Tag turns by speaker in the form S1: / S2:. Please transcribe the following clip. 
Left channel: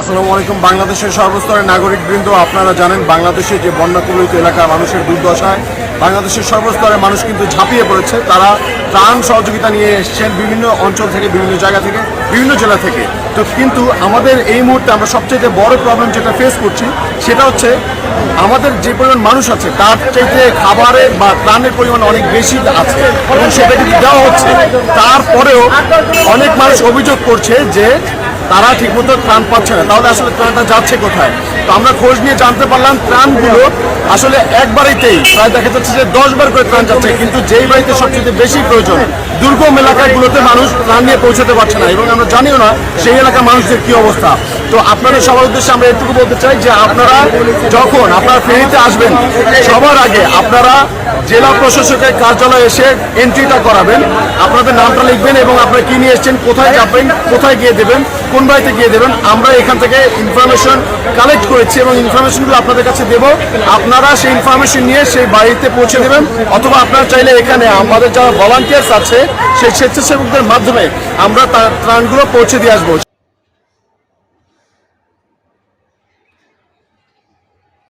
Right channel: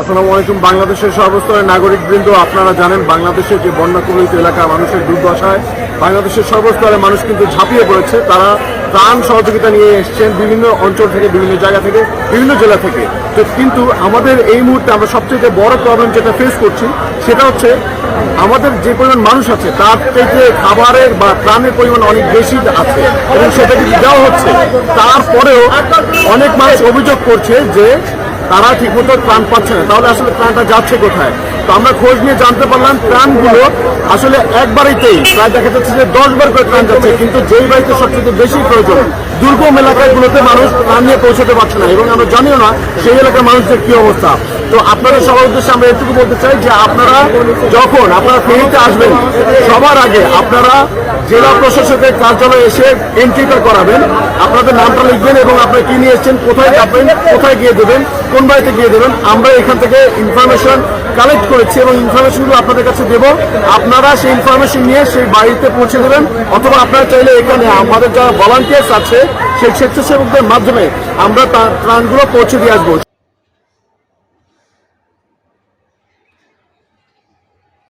S1: আসসালামু আলাইকুম। বাংলাদেশের সর্বস্তরের নাগরিকবৃন্দ, আপনারা জানেন বাংলাদেশের যে বন্যা কবলিত এলাকা মানুষের দুর্দশায়, বাংলাদেশের সর্বস্তরের মানুষ কিন্তু ঝাঁপিয়ে পড়েছে। তারা ত্রাণ সহযোগিতা নিয়ে এসছেন বিভিন্ন অঞ্চল থেকে, বিভিন্ন জায়গা থেকে, বিভিন্ন জেলা থেকে। তো কিন্তু আমাদের এই মুহূর্তে আমরা সবচেয়ে বড় প্রবলেম যেটা ফেস করছি, সেটা হচ্ছে আমাদের যে পরিমাণ মানুষ আছে, তার চাইতে খাবারের বা ত্রাণের পরিমাণ অনেক বেশি আছে। সেটা কিন্তু দেওয়া হচ্ছে। তারপরেও অনেক মানুষ অভিযোগ করছে যে তারা ঠিকমতো প্রাণ পাচ্ছে না। তাহলে আসলে ত্রাণটা যাচ্ছে কোথায়? তো আমরা খোঁজ নিয়ে জানতে পারলাম, প্রাণগুলো আসলে এক বাড়িতেই প্রায় দেখা যাচ্ছে যে দশ বার করে ত্রাণ যাচ্ছে, কিন্তু যেই বাড়িতে সবচেয়ে বেশি প্রয়োজন দুর্গম এলাকাগুলোতে মানুষ প্রাণ নিয়ে পৌঁছাতে পারছে না। এবং আমরা জানিও না সেই এলাকার মানুষদের কি অবস্থা। তো আপনাদের সবার উদ্দেশ্যে আমরা এটুকু বলতে চাই যে আপনারা যখন আপনারা ফেরিতে আসবেন, সবার আগে আপনারা জেলা প্রশাসকের কার্যালয়ে এসে এন্ট্রিটা করাবেন। আপনাদের নামটা লিখবেন এবং আপনারা কি নিয়ে এসছেন, কোথায় যাবেন, কোথায় গিয়ে দেবেন, কোন বাড়িতে গিয়ে দেবেন আমরা এখান থেকে ইনফরমেশন কালেক্ট করেছি এবং ইনফরমেশনগুলো আপনাদের কাছে দেব। আপনারা সেই ইনফরমেশন নিয়ে সেই বাড়িতে পৌঁছে দেবেন। অথবা আপনারা চাইলে এখানে আমাদের যারা ভলান্টিয়ার্স আছে, সেই স্বেচ্ছাসেবকদের মাধ্যমে আমরা তার ত্রাণগুলো পৌঁছে দিয়ে আসব।